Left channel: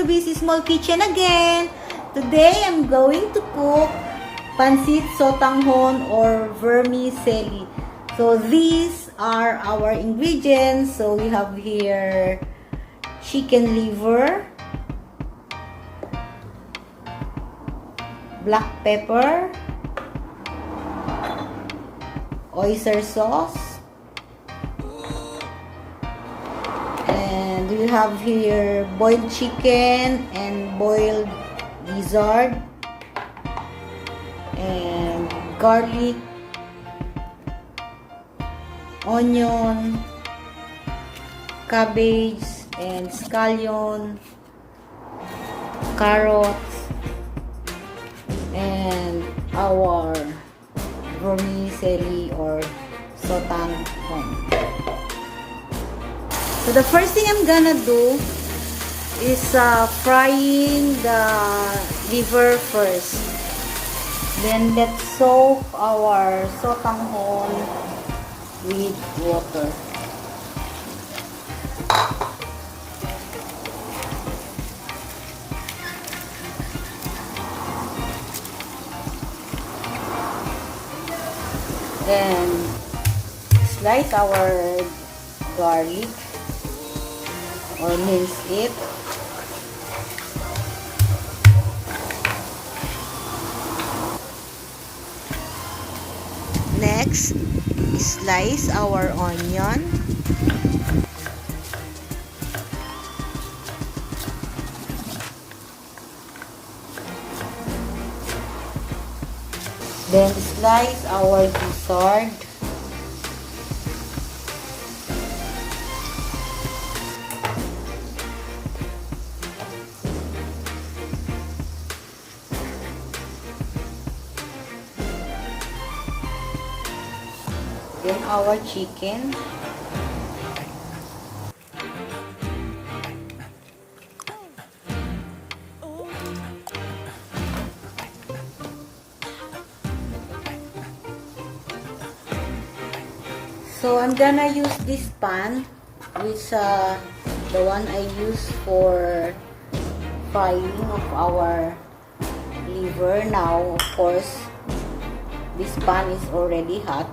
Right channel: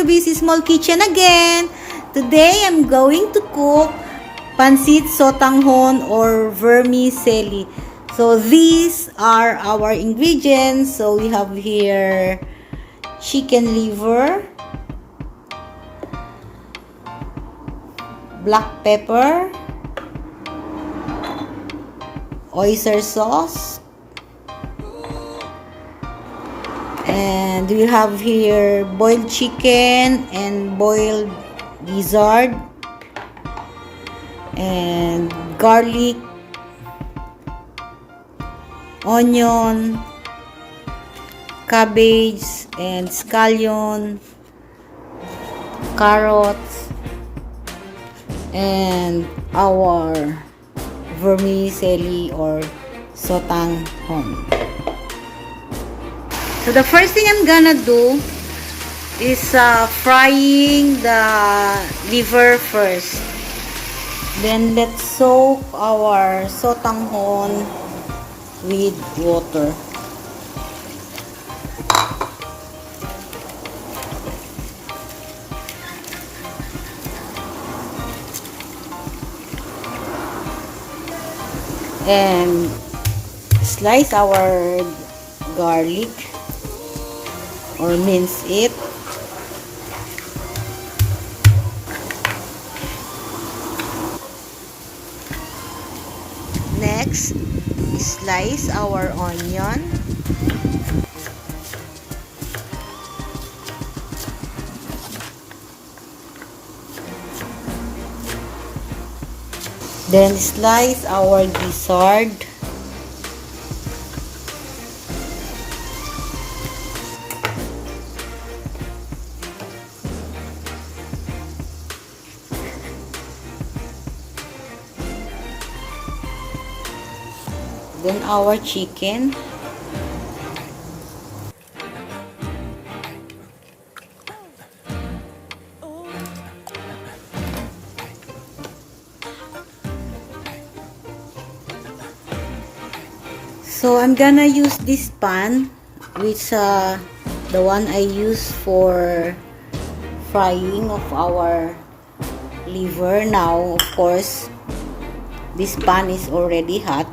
Rubis' Small Kitchen again. Today, I'm going to cook Pancit Sotanghon or vermicelli. So, these are our ingredients. So, we have here chicken liver, black pepper, oyster sauce, and we have here boiled chicken and boiled gizzard and garlic, onion, cabbage and scallion, carrots, and our vermicelli or sotanghon. So the first thing I'm gonna do is frying the liver first. Then let's soak our sotanghon with water. And slice our garlic or mince it. Next, slice our onion. Then slice our gizzard. Then our chicken. So I'm gonna use this pan, which the one I use for frying of our liver. Now, of course, this pan is already hot.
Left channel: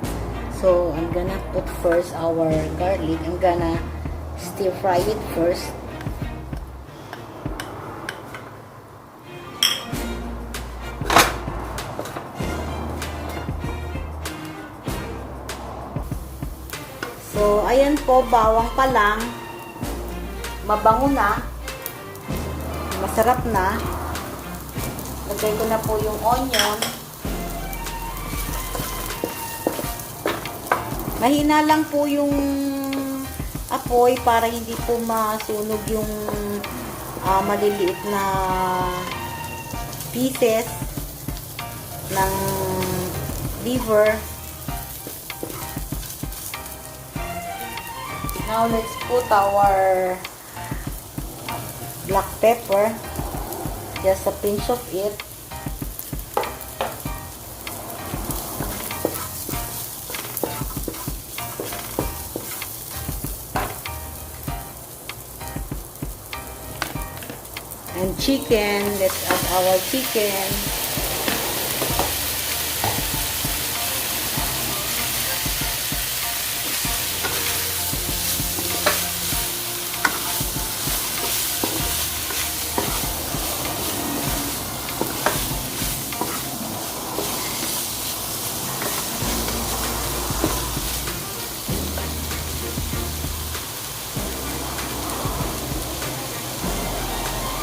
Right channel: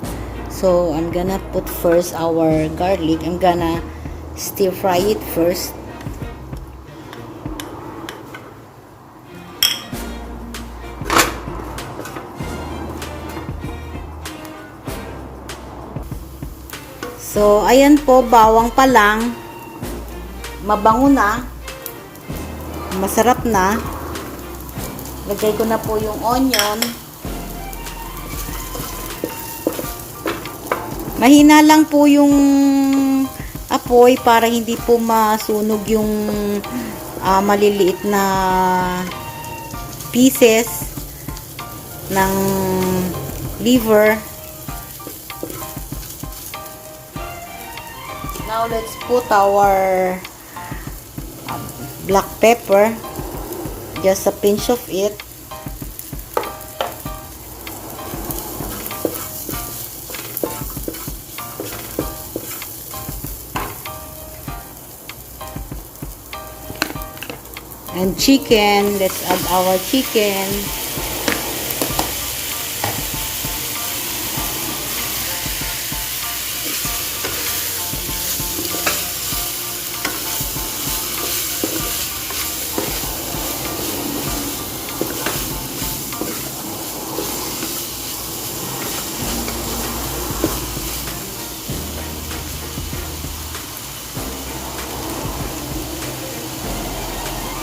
So I'm gonna put first our garlic. I'm gonna stir fry it first. So ayan po, bawang pa lang. Mabango na. Masarap na. Lagay ko na po yung onion. Mahina lang po yung apoy para hindi po masunog yung maliliit na pieces ng liver. Now let's put our black pepper, just a pinch of it. And chicken, let's add our chicken.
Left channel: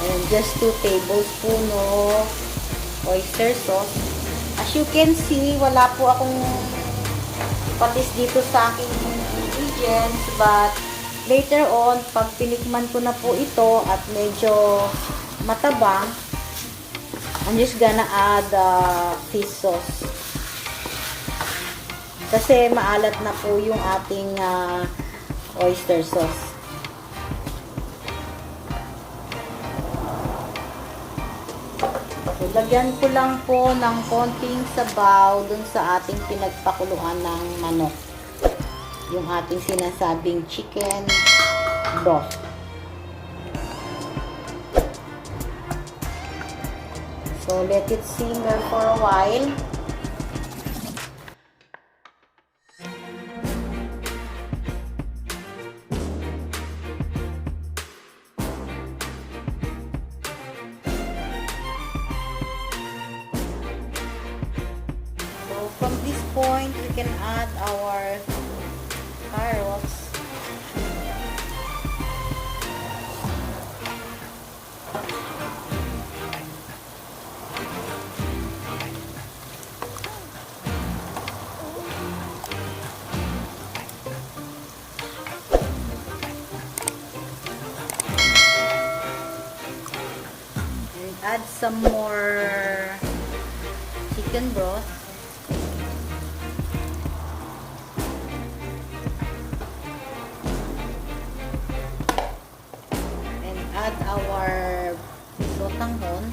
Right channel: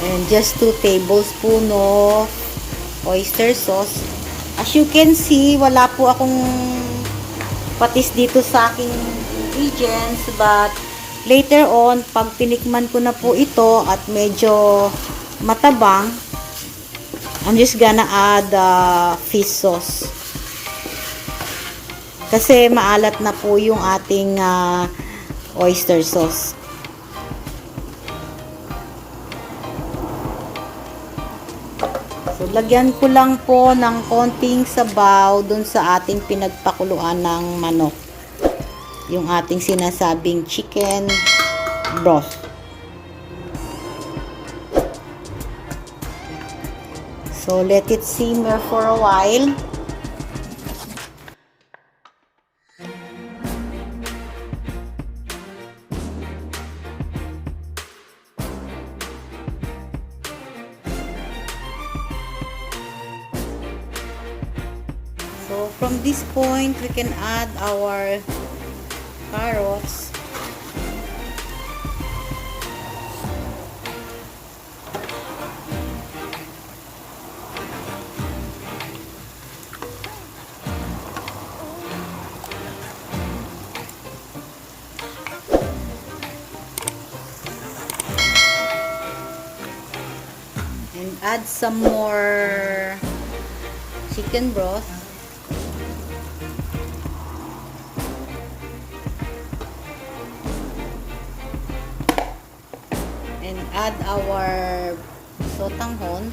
And just 2 tablespoons of oyster sauce. As you can see, wala po akong patis dito sa aking ingredients. But later on, pag tinikman ko na po ito at medyo matabang, I'm just gonna add fish sauce. Kasi maalat na po yung ating oyster sauce. So, lagyan ko lang po ng konting sabaw dun sa ating pinagpakuluan ng manok. Yung ating sinasabing chicken broth. So let it simmer for a while. So from this point, we can add our carrots. And add some more chicken broth. And add our sotanghon.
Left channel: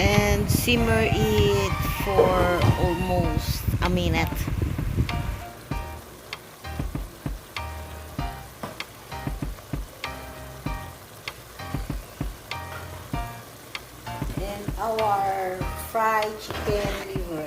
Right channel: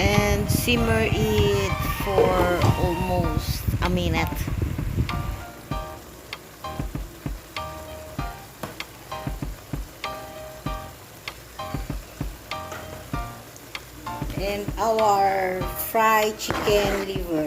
And simmer it for almost a minute. And our fried chicken liver.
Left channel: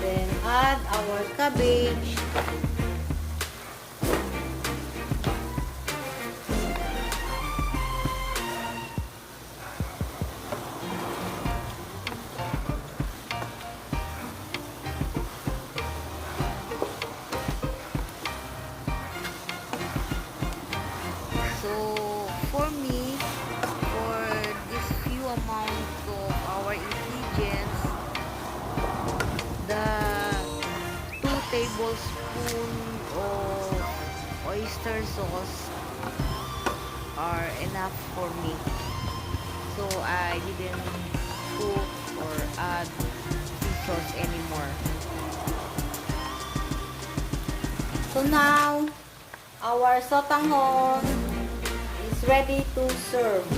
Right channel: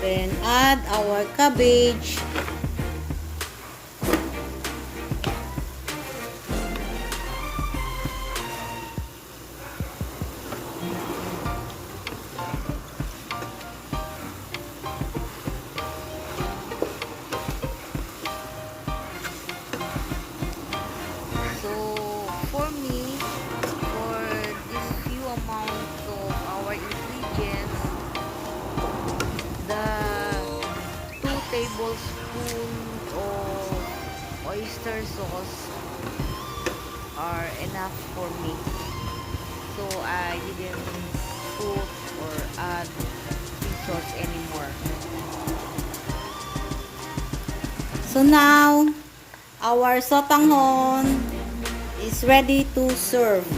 Then add our cabbage. So for me, for this few amount of our ingredients, the 2 tablespoons of oyster sauce are enough for me. So I didn't put or add fish sauce anymore. So now our sotanghon is ready to serve.